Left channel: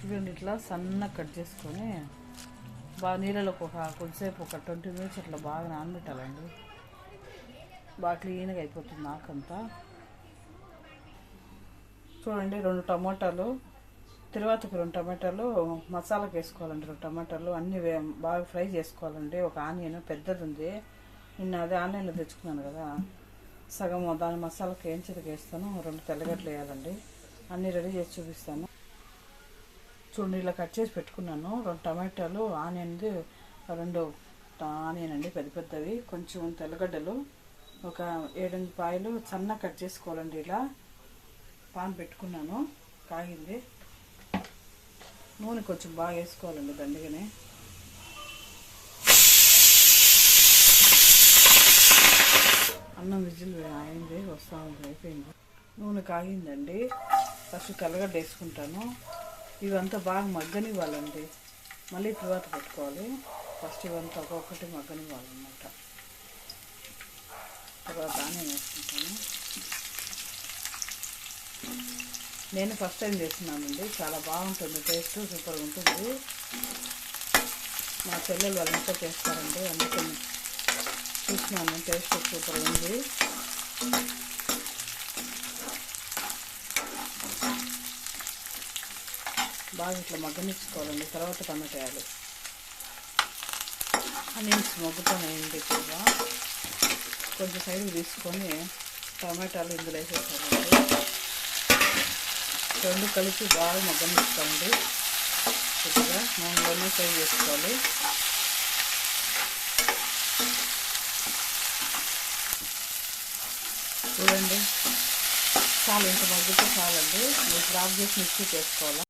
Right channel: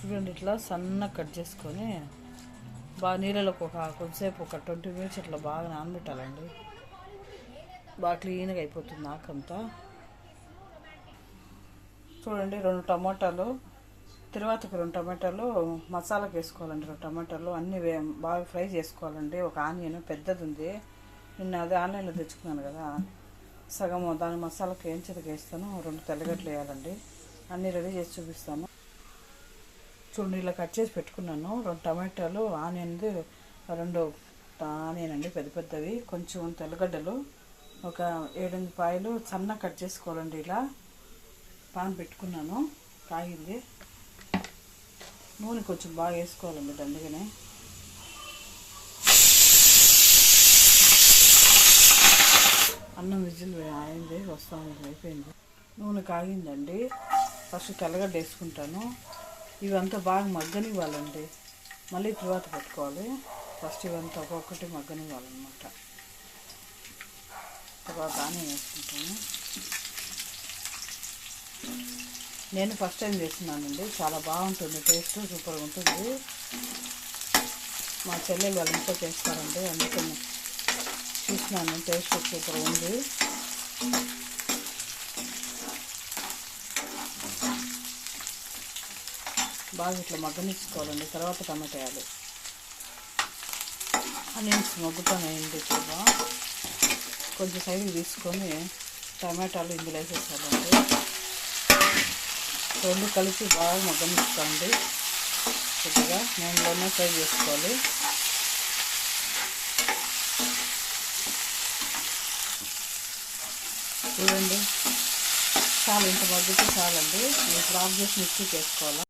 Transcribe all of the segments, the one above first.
చూడండి, ఇట్లా సన్నగా కట్ చేసుకొని బాగా నీళ్ళలోకి కొంచెంసేపు ఒక 20 మినిట్స్ ఇట్లా బాగా నానబెట్టాలండి. బాగా క్లీన్గా అయిపోతుంది ఆకంతా. చూడండి, 2 టమాటాలు, తర్వాతకి 2 టమాటాలు మసాలాకి వేసుకోవాలండి. 2 టమాటాలు అన్నీ బాగా ఫ్రై చేసుకోవాలండి. ఒక ఆనియన్ పెద్దది ఉంది, నిన్న అదే ఆన్లైన్లో తెచ్చుకున్నాను కదా, సగం దాని మసాలాకి వేయించడానికి వేస్తాను. 2 తెల్లగడ్డలు వేయాలండి. అన్నీ రెడీ చేసి చూపిస్తాను. చూడండి, ఇలా కట్ చేసి పెట్టుకున్నాను. 2 టమాటాలు, ఆనియన్ది 2 ఆనియన్ అండి పెద్ద పెద్దవి, కొంచెం తెల్లగడ్డలు, ఒక 7-8 పాయలు సన్న కట్ చేసుకోవాలండి. ఇలా పాన్ పెట్టుకున్నాను, కాగింది. నూనె కొంచెం బాగా వేసుకోవాలండి దండిగానే. అన్నం విజిల్ అయింది, వస్తుంది, అయిపోయింది. నూనె కాగిందండి. ఫస్ట్ తెల్లగడ్డ వేసుకుంటాను. ఇవంతా బాగా మగ్గనివ్వాలండి, మళ్ళీ తర్వాత పెట్టుకోవాలి. ఫస్ట్ ఇవంతా ఒక్కొక్కటి మగ్గనివ్వాలన్నమాట. తర్వాత ఆనియన్ వేసుకుంటాను. నేను ఫస్ట్ టైం చేస్తున్నానండి, చాలా బాగుంటుంది, టేస్ట్ సూపర్గా ఉంటుంది. మా చెల్లెలు వాళ్ళు ఇంట్లో చేస్తారండి, అందుకని చూసినాను, టేస్ట్ సూపర్గా ఉంది. బాగా ఇట్లా మగ్గనిచ్చుకోవాలండి. తర్వాత టమాటా వేయాలి. ఆనియన్స్ మగ్గుతానండి. ఎక్కువగా కొంచెం సైడ్కి తీసుకొని టమాటాలు ఇందులో వేసేసుకోవాలండి. 2 కలిపి బాగా మగ్గనిచ్చుకోండి. కొద్దిగా నూనెలోనే ఫ్రై చేసుకోవాలి. చూడండి, చాలా ఇంత మగ్గితే చాలండి. ఇప్పుడు ఆఫ్ చేసి మిక్సీకి వేసుకోవాలి.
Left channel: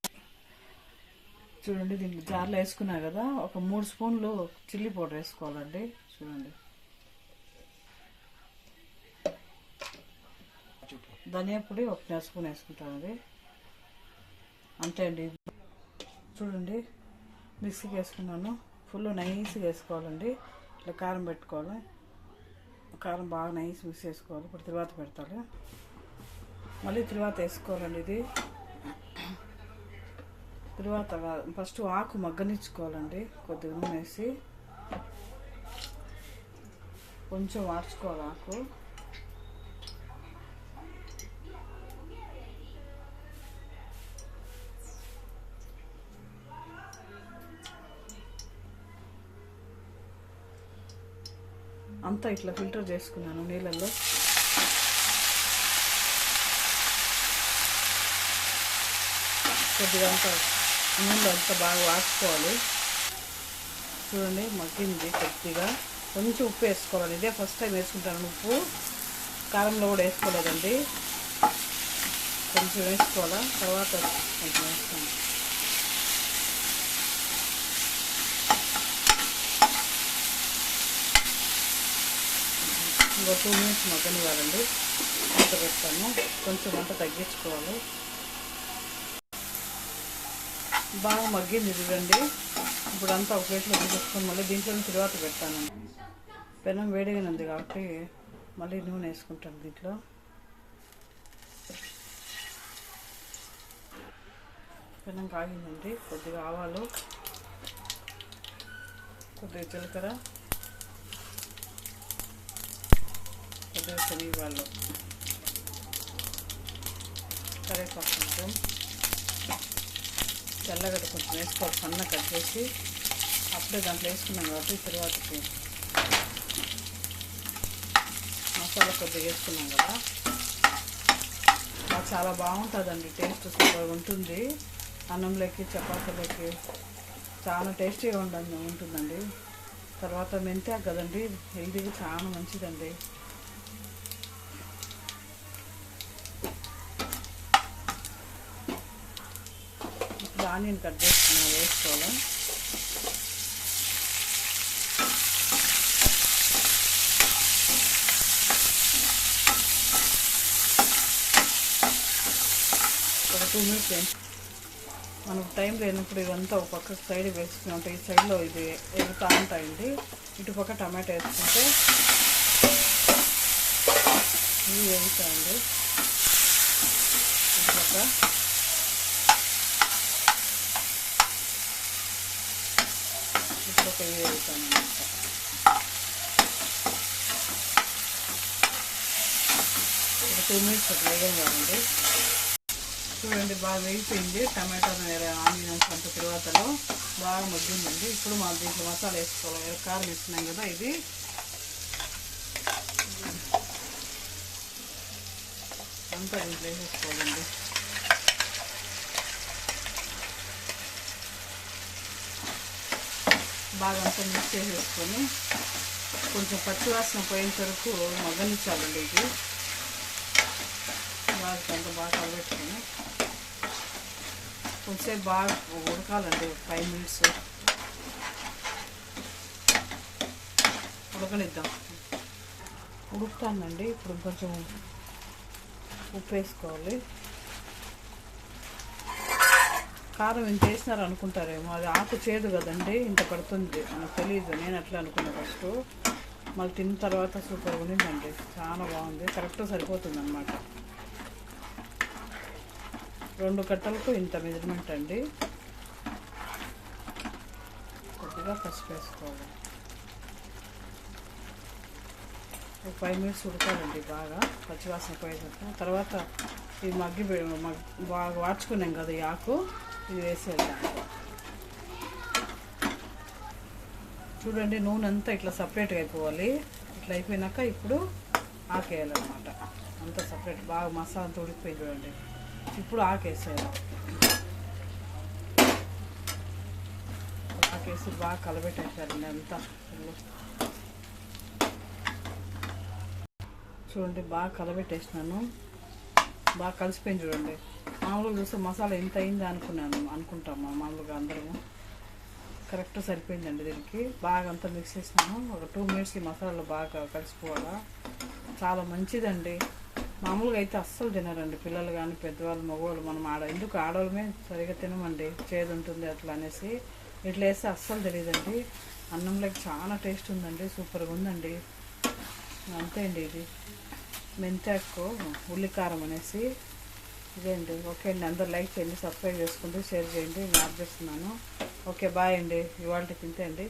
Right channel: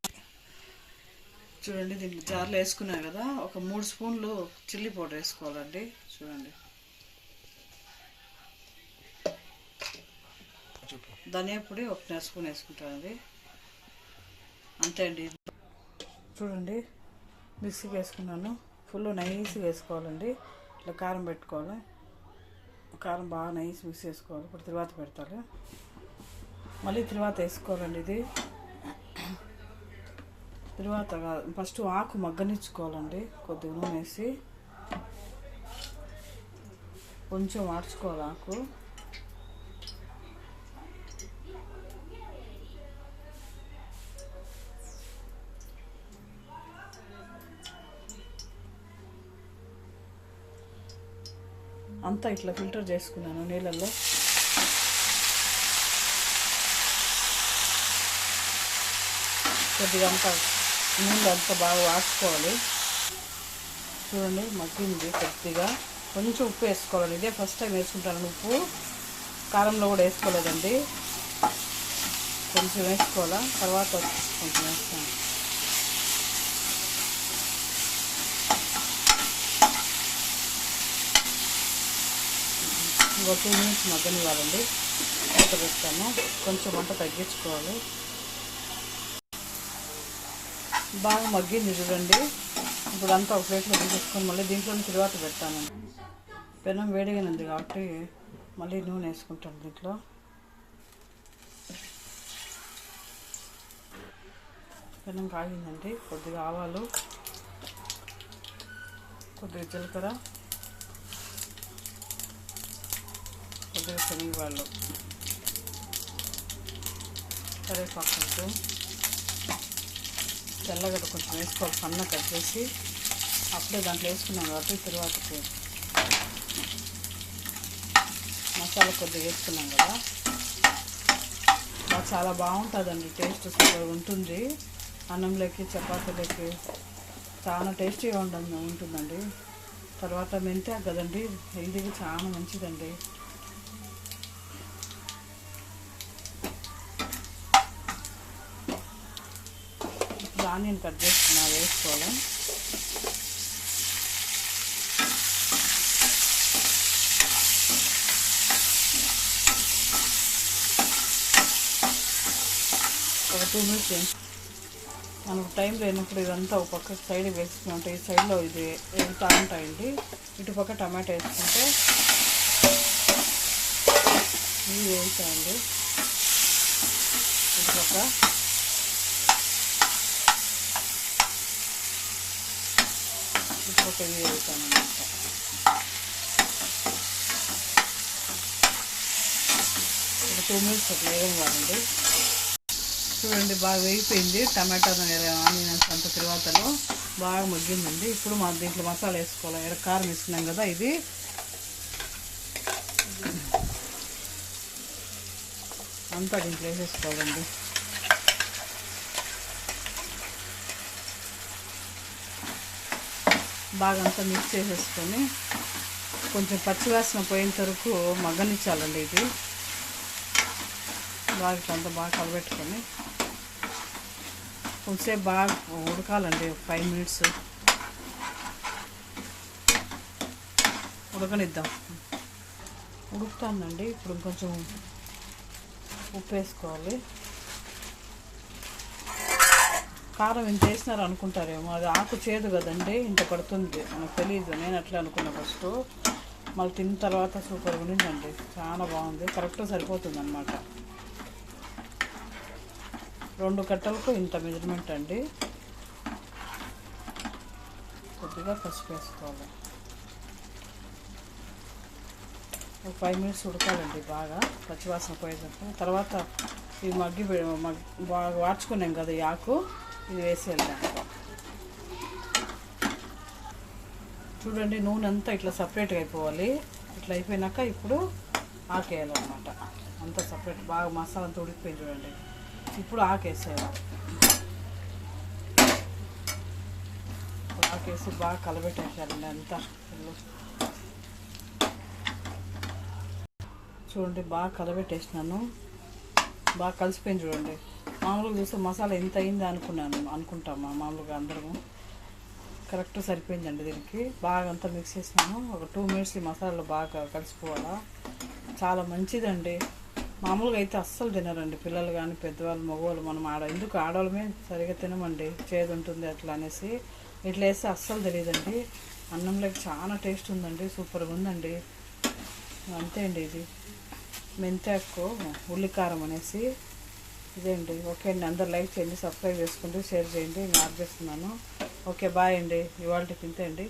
చూడండి, దీనికి జార్లో వేసుకున్నాను కదా, ఒక 3 స్పూన్లు చిల్లీ పౌడర్ వేసుకోవాలండి. చూడండి, ధనియా పొడి 1 స్పూన్ వేసుకుంటానండి, అంతే అండి. చూడండి, మిక్సీకి వేసుకున్నాను. ఫుల్ నైస్గా వేసుకోవాలండి. ఇట్లా కారం పెట్టుకోవాలి. కారం బాగా నైస్ మిక్స్ చేసుకోవాలి. ఇప్పుడు తర్వాత పెడతాను, మళ్ళీ తర్వాత వేసుకోవాలండి. ఇది తర్వాత ఫస్ట్ ఆకు మగ్గనిచ్చుకోవాలండి. కొద్దిగా నూనె వేసి కొంచెం వాడ్చుకోవాలి ఆకు. అంతా ఇట్లా ఫిల్టర్ చేసుకున్నాను నీళ్ళల్లో. కొద్దిగా అంతా నీళ్ళు అంతా బాగా వాడుకోవాలి. చూడండి, మగ్గింది. కొద్దిగా కొంచెం ఉప్పు వేసుకోవాలండి. ఇదే ఫస్ట్ టైం వేసుకుంటాను ఉప్పు, కారంలో కూడా వేసుకోలేదండి. కొంచెం వేసుకోవాలా, తర్వాత కొంచెం వేస్తాను. ఇంకో 2 మినిట్స్ మగ్గనివ్వాలండి. మూత పెడతాను. కొంచెం మంట తగ్గించుకోవాలి. బాగా మగ్గింది చూడండి. ఇప్పుడు అంతా ఒక ప్లేట్లో తీసేసుకొని మళ్ళీ దీంట్లోనే తర్వాత పెడతాను. పెనం వేడిగానే ఉంది కాబట్టి మళ్ళీ నూనె వేసుకుంటాను. దీంట్లో పెనం కాగిందండి. కొద్దిగా ఆవాలు, కొద్దిగా జీలకర్ర, కొద్దిగా శనగపాలు, కరివేపాకు, కొంచెం తెల్లగడ్డ కొంచెం వేసుకోవాలి, సన్న కట్ చేసి. అప్పుడే దాంట్లో వేసుకున్నాం కాబట్టి తర్వాతకి మసాలా కొద్దిగా వేసుకున్నాం కదా, చాలా బాగుంటుందండి. టేస్ట్ సూపర్గా ఉంటుంది. అన్నంలోకి, చపాతీలోకి చాలా టేస్టీగా ఉంటుందండి. తర్వాత మెంతాకు కదండి, హెల్తీగా చాలా మంచిదండి. ఇప్పుడు ఆనియన్ కట్ చేసుకున్నా వేసుకోవాలి. ఒక 2 మినిట్స్. మనకు టైం లేనప్పుడు ఇదంతా ఒక పక్క సైడ్ వేసుకుని ఉంటాయి. ఈ సైడ్లో ఇది ఎగుతూ ఉంటాయండి. ఇటుపక్క టమాటా వేసుకుంటే ఇవి వేగుతాయండి. ఇటుపక్క ఇప్పుడు ఒక వేస్తాను అన్నమాట. ఒక 2 మినిట్స్ అట్లా వేగండి. చూడండి బాగా వేగిపోయింది. టమాటా ఆనియన్స్ అంత తర్వాతలో బాగా మగ్గిందండి. ఇప్పుడు మనం దీంట్లో మసాలా వేసుకోవాలి. కారం వేస్తున్నాం కదా, ఇది అంతా దీంట్లో వేసేసుకోవాలండి. బాగా అంతా మిక్స్ చేసేసుకొని కొంచెం పచ్చివాసన పోయేంత వరకు మగ్గనిచ్చాలండి. ఇది బాగా బాగా కలబెట్టుకొని కొంచెంసేపు బాగా ఉడకాలండి. 5 మినిట్స్ ఉడకనిద్దాం. ఉడుకుతానండి. ఇప్పుడు కొంచెం ఉప్పు వేసుకోవాలి. కారం ఇంత వేసినారు అనుకుంటారేమో, అది ఆకు చేదు కదండి, ఇంత పడుతుంది. మనకు తెలియదు. నేను అట్లా అనుకున్నా ఫస్ట్. మళ్ళీ తిన్న తర్వాత సూపర్ ఉన్నిందండి. చాలా బాగుంది. కరెక్ట్గా సరిపోతుంది అన్నమాట. 2 కట్టలకు ఇంత మెజర్మెంట్ అండి. కొద్దిగా పసుపు వేసుకోవాలి. ఒక 5 మినిట్స్ ఉడకాలండి బాగా, పచ్చివాసన పోయేదాకా. తర్వాత ఇది బాగా వాడ్చుకున్నాం కదా ఈ ఆకు, ఇది వేసేద్దాం. చూడండి నూనె అంతా ఇట్లా సపరేట్గా అయిపోవాలి. ఇట్లా అయిపోయినాక ఇప్పుడు ఆకేయాలన్నమాట. అంతా సపరేట్ బాగా మసాలా అంతా ఉడికిపోయింది చూడండి. ఇప్పుడు ఆకేసేయాలి. ఆకేసి బాగా కలబెట్టేసారండి అంతా. చూడండి బాగా కలబెట్టేసినాను. బాగా కలిసిపోయింది చూడండి. మామూలుగా చూస్తే మసాలా ఎంత అయింది అనుకుంటాం మామూలుగా అందరము. కరెక్ట్ సరిపోయిందండి. దీనికి బాగా అంతా మిక్స్ చేసినాను. ఒక 2 మినిట్స్ ఈ మసాలాలో బాగా కలిసిపోవాలా. చాలా మంచిదండి. మామూలుగా అయితే అస్సలు తినరండి పిల్లలు కానీ పెద్దవాళ్ళు, మగవాళ్ళు. మనం ఎందుకు ఆడవాళ్ళమే సరిగా తినమండి, చేదు ఉంటుంది అట్లా అనేసి. ఇట్లా వేస్తే అస్సలు తెలియదండి. అన్నంలోకి చాలా టేస్ట్ ఉందండి. సూపర్గా ఉందండి. అంతే అండి. ఇది మెంతాకు ఉల్లికారం అనేసి ఇదే అండి. ఓకే అండి, అందరు లైక్ చేయండి, సబ్స్క్రైబ్ చేసుకోండి, షేర్ చేయండి. నేను ఆర్డర్ చేస్తున్నాను. ఓకే బాయ్ అండి. ఇవాళకి ఇంతే అండి.